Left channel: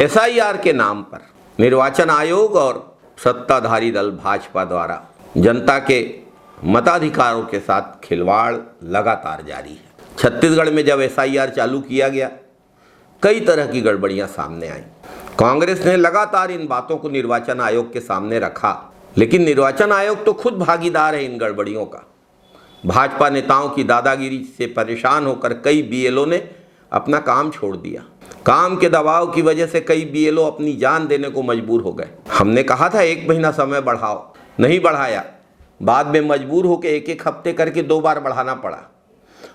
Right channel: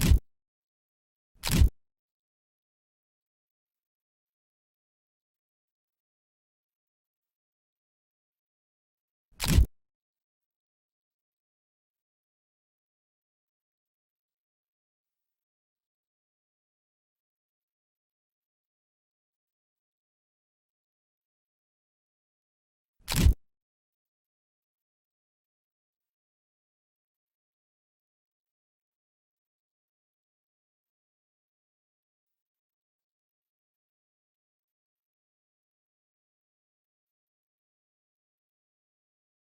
SIR के नाम पर निर्वाचन आयोग और सत्ताधारी दल भाजपा द्वारा जनता के मताधिकारों के साथ खिलवाड़ लगातार जारी है। छत्तीसगढ़ में जब एसआईआर चालू किया गया, कई तरह की गड़बड़ियां सामने आई। कांग्रेस ने लगातार इन बातों को निर्वाचन आयोग के सामने रखा, लेकिन निर्वाचन आयोग तो खुद भागीदार है इन गड़बड़ियों का। भाजपा नेताओं की दादागिरी से परेशान होकर कई बीएलओ ने अपना काम छोड़ दिया। काम के दबाव की वजह से कई बीएलओ अपनी जान देने को मजबूर हो गए। हमने कहा था 1 महीना समय बढ़ाओ, नहीं बढ़ाया। बाद में मजबूर होकर 1-1 हफ्ते करके 2 बार बढ़ाना पड़ा,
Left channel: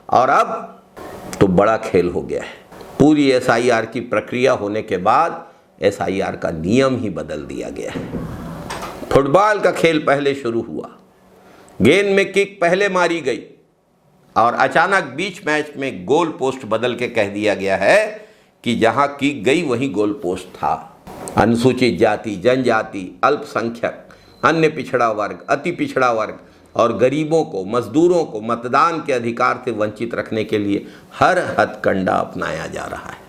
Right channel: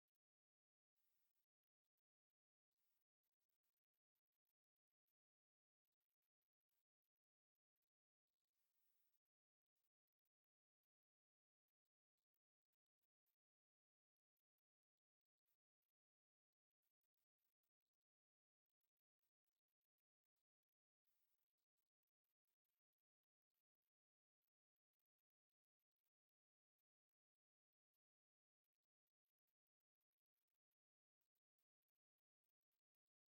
और अब तो बड़ा खेल हो गया है। पूरी एसआईआर की प्रक्रिया होने के बाद एसआईआर का नियम ही बदल दिया गया है। फुटबॉल का खेल पहले शुरू हुआ, गेंद में किक पहले मारी गई और अचानक बीच मैच में गोल पोस्ट बदल के कह दिया गया है कि जहां किक गई वहीं गोल पोस्ट था। अनुसूचित जाति, जनजाति, अल्पसंख्यक, अन्य पिछड़ा वर्ग, अति पिछड़ा वर्ग और गरीबों को, मजदूरों को मतदान के अधिकार से वंचित रखने के लिए हर हथकंडा अपनाया जा रहा है।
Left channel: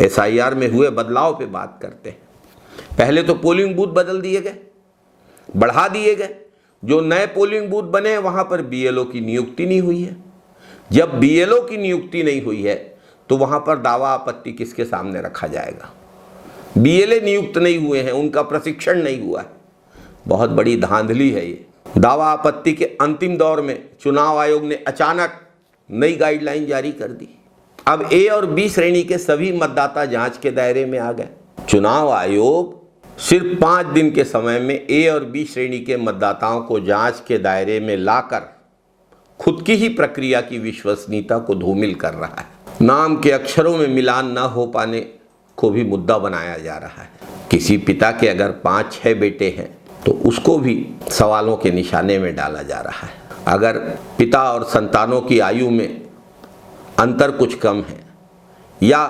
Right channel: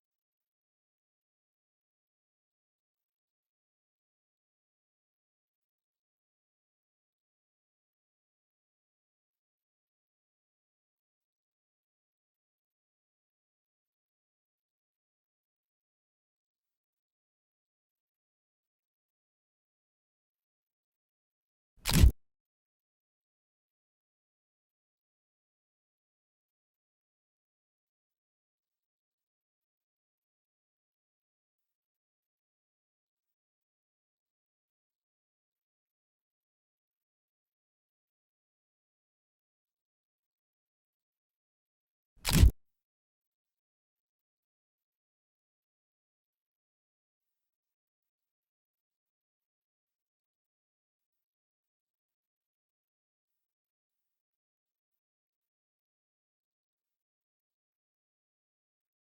एसआईआर में हुए बदलाव पे बात करते हैं। पहले तो पोलिंग बूथ बदल दिए गए, बढ़ा दिए गए। जो नए पोलिंग बूथ बने वहां पर बीएलओ की नियुक्ति नहीं हुई है। जब बीएलओ की नियुक्ति नहीं हुई है तो वहां पर दावा आपत्ति किसके सामने रखा जाएगा? बीएलए नियुक्त नहीं हुए हैं, उनका प्रशिक्षण नहीं हुआ है। बहुत बड़ी धांधली है ये। दावा आपत्ति के अंतिम दौर में चुनाव आयोग ने अचानक नई गाइडलाइन जारी कर दी। अब ए और बी श्रेणी के सभी मतदाता जांच के दायरे में आ गए। चुनाव आयोग सिर्फ 5 दिन के समय में ए और बी श्रेणी के मतदाताओं को जांच के दायरे में लाकर खुद की ही प्रक्रिया की विश्वसनीयता को धूमिल कर रहा है। नाम के अक्षरों में मिलान न हो पाने को भी मुद्दा बनाया जा रहा है। किसी पिता के अगर 5-6 बेटे हैं तो उसको भी सवालों के निशाने में डाला जा रहा है। अगर पिता और संतानों की आयु में अंतर कुछ कम है या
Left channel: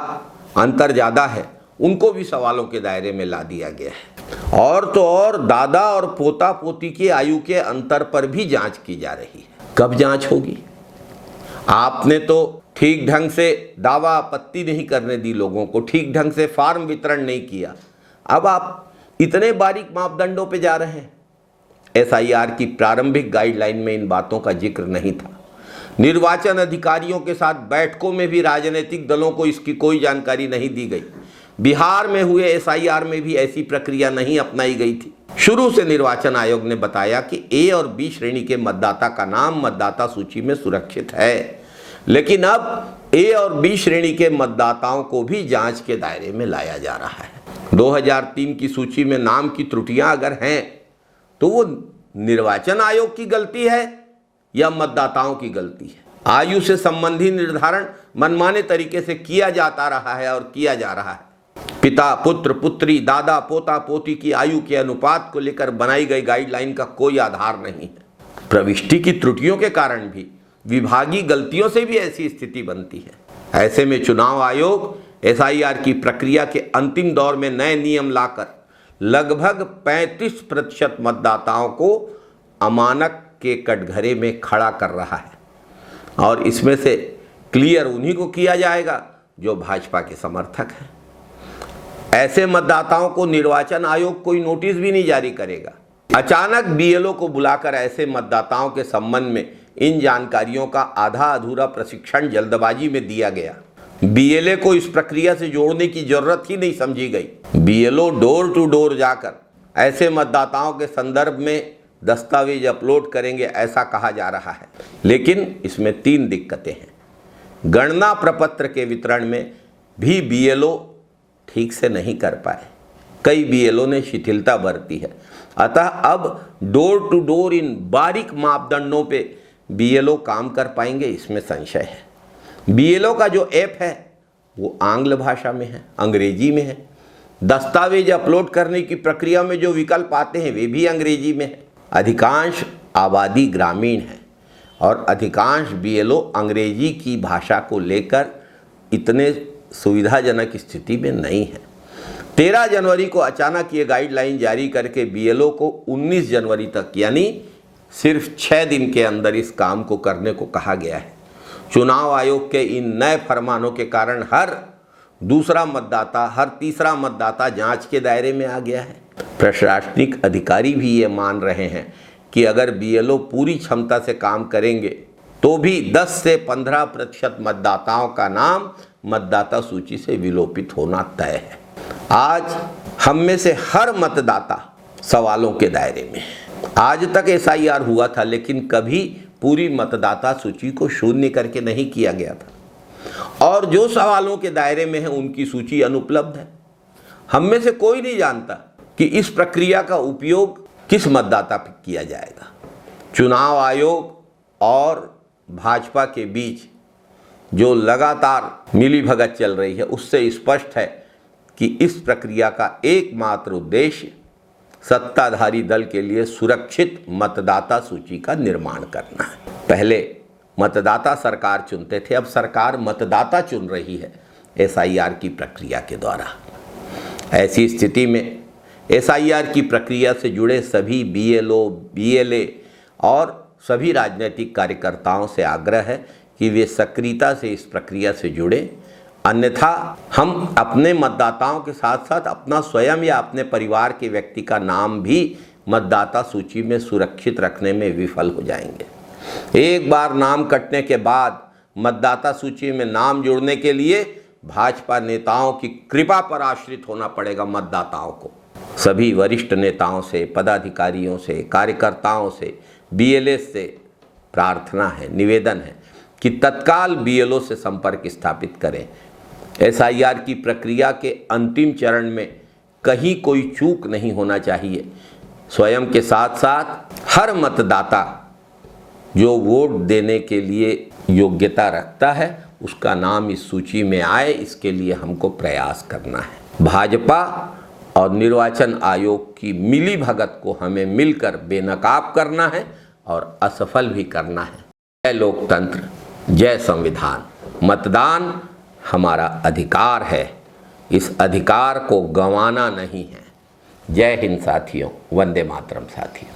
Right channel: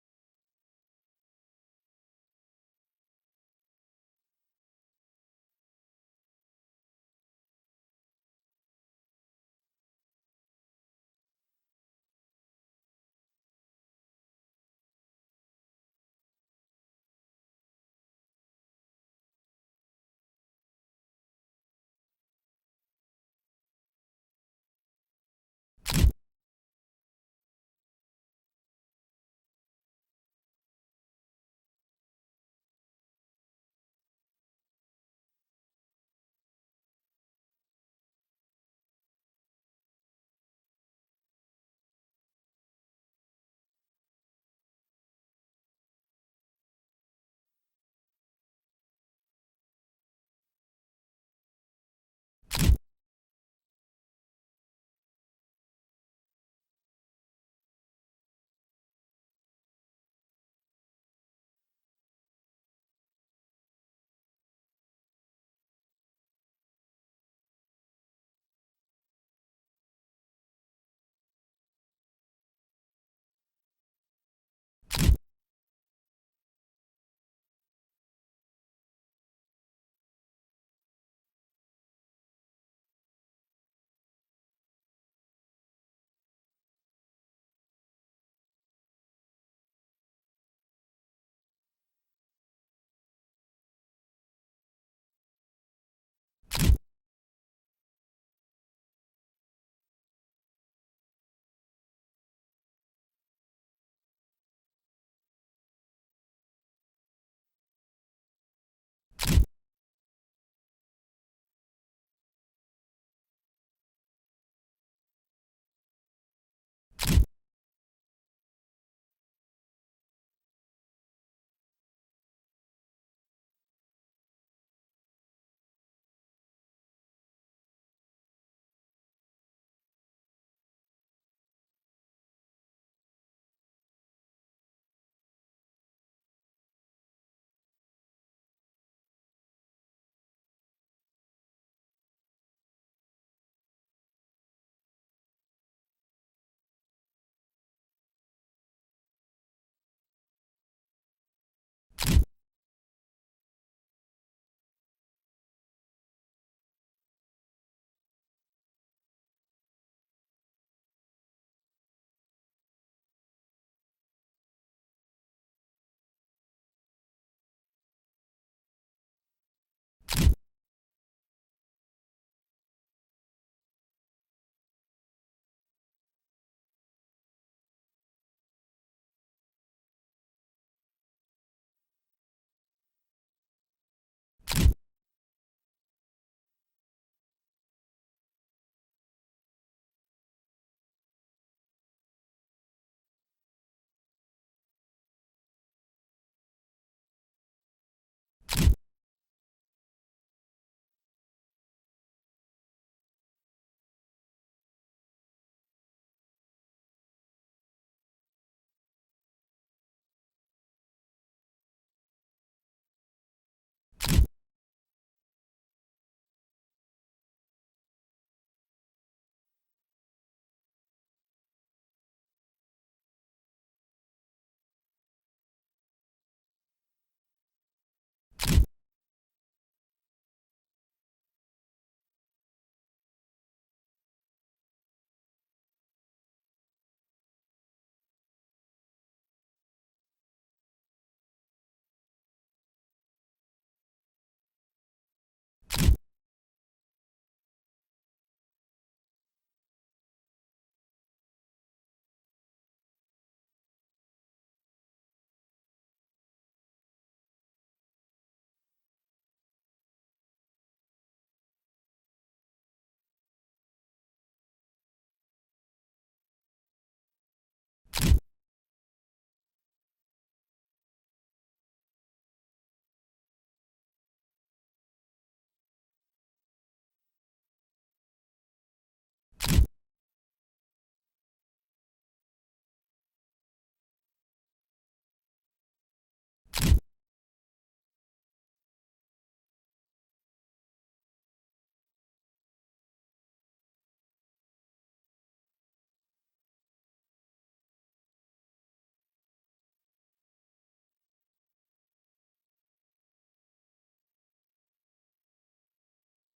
अंतर ज़्यादा है, उनको भी सवालों के दायरे में ला दिया गया है। और तो और दादा और पोता पोती की आयु के अंतर पर भी जांच की जा रही है। कब जांच होगी? आपने तो ठीक ढंग से दावा आपत्ति नहीं करने दी लोगों को, ठीक ढंग से फॉर्म वितरण नहीं किया। अब आप इतने बारीक मापदंडों पे जा रहे हैं। एसआईआर की प्रारंभिक गाइडलाइन में इन बातों का जिक्र नहीं था। निर्वाचन अधिकारियों के साथ बैठकों में भी राजनीतिक दलों को इसकी कोई जानकारी नहीं दी गई। बिहार में हुए एसआईआर में भी ऐसी प्रक्रिया नहीं अपनाई गई थी। शुरू से निर्वाचन आयोग ने बताया कि ए और बी श्रेणी के मतदाता का नाम मतदाता सूची में सुरक्षित है, लेकिन अब ए और बी श्रेणी के मतदाताओं को भी जांच के दायरे में लाया जा रहा है। 2003 की सूची में नाम की त्रुटियां अगर हैं तो वो निर्वाचन आयोग की गलती है या मतदाताओं की गलती है? आयु से संबंधित निर्धारण मनमाने तरीके से किया जाता रहा है और किया जा रहा है। पिता, पुत्र, पुत्री, दादा, पोता, पोती की आयु के अनुपात को लेकर बनाई गई गाइडलाइन का कोई आधार नहीं है। प्रविष्टि की त्रुटियों के कारण भी, विभागीय गलतियों से भी ऐसी स्थिति बनती है। ऐसे में चुनाव आयोग एसआईआर की प्रक्रिया के अंतिम दौर में नए नियम लाकर लगभग 35% मतदाताओं को अमानक के कटघरे में खड़ा कर रहा है, और इसमें से क्लियर उन्हीं को किया जाएगा जो भाजपा के समर्थक हैं। ऐसे मतदाताओं को निर्वाचन आयोग कोई नोटिस भी नहीं जारी करेगा। अचानक बीएलओ को बुलाकर ऐसे मतदाताओं के संबंध में इन जानकारियों का आधा अधूरा प्रशिक्षण जल्दबाजी में दिया गया। बीएलए को इस प्रक्रिया से जोड़ने की जरूरत ही नहीं समझी गई। बीएलओ डोर टू डोर जाकर ऐसे मतदाताओं के संदर्भ में दस्तावेज अपलोड करेंगे, ऐसा कहा जा रहा है। लेकिन इसमें 3 दिक्कतें हैं। गणना प्रपत्र के वितरण में भी बीएलओ ठीक से नहीं कर पाए। कई बीएलओ ने शिथिलता बरती है। अतः अब डोर टू डोर इन बारीक मापदंडों पे बीएलओ काम कर पाएंगे, इसमें संशय है। बीएलओ का जो ऐप है वो आंग्ल भाषा में है, अंग्रेजी में है। दस्तावेज अपलोड करने की प्रक्रिया में जो विकल्प आते हैं वे भी अंग्रेजी में है। अधिकांश आबादी ग्रामीण है और अधिकांश बीएलओ अंग्रेजी की भाषा को लेकर इतने सुविधाजनक स्थिति में नहीं है। 13 जनवरी को अचानक ये गाइडलाइन जारी करके बीएलओ को 19 जनवरी तक यानी सिर्फ 6 दिन के अंदर इस काम को करने को कहा गया है। चुनाव आयोग के इन नए फरमानों के कारण हर दूसरा मतदाता, हर तीसरा मतदाता जांच के दायरे में आ गया है। प्रशासनिक अधिकारी भी ये मान रहे हैं कि अगर बीएलओ पूरी क्षमता से काम करेंगे तो भी 10 से 15% मतदाताओं का नाम मतदाता सूची से विलोपित होना तय है। आज हम में से हर मतदाता सवालों के दायरे में है। आज तक एसआईआर हुआ था, लेकिन कभी पूरी मतदाता सूची को शून्य करके नहीं किया गया था, और जो सवालों के दायरे में है उनकी सूची अनुपलब्ध है। हम में से कोई नहीं जानता कि इस प्रक्रिया का उपयोग किस मतदाता पर किया जाएगा। चुनाव आयोग और भाजपा के बीच जो लगातार मिलीभगत चल रही है, उससे स्पष्ट है कि इस प्रक्रिया का एकमात्र उद्देश्य सत्ताधारी दल के लिए सुरक्षित मतदाता सूची का निर्माण करना है। पहले मतदाता सरकार चुनते थे, अब सरकार मतदाता चुन रही है एसआईआर की प्रक्रिया के द्वारा। ऐसी स्थिति में एसआईआर की प्रक्रिया से जुड़े सभी बीएलओ, बीएलए और सभी राजनीतिक कार्यकर्ताओं से आग्रह है कि वे सक्रियता से इस प्रक्रिया से जुड़े, अन्यथा हम अपने मतदाताओं के साथ साथ अपना स्वयं या अपने परिवार के व्यक्ति का नाम भी मतदाता सूची में सुरक्षित रखने में विफल हो जाएंगे। एक बार नाम कटने के बाद मतदाता सूची में नाम जोड़ने के लिए भाजपा नेताओं की कृपा पर आश्रित होना पड़ेगा मतदाताओं को। सभी वरिष्ठ नेताओं से, पदाधिकारियों से, कार्यकर्ताओं से, बीएलए से प्रार्थना है, निवेदन है कि तत्काल बीएलओ से संपर्क स्थापित करें। एसआईआर की प्रक्रिया के अंतिम चरण में कहीं कोई चूक नहीं होना चाहिए। स्वयं के साथ साथ हर मतदाता जो वोट देने के लिए योग्यता रखता है उसका नाम इस सूची में आए, इसके लिए हमको प्रयास करना है। भाजपा और निर्वाचन आयोग की मिलीभगत को हमें मिलकर बेनकाब करना है और असफल भी करना है। जय लोकतंत्र, जय संविधान। मतदान हमारा अधिकार है, इस अधिकार को गंवाना नहीं है। जय हिंद साथियों, वंदे मातरम साथियों।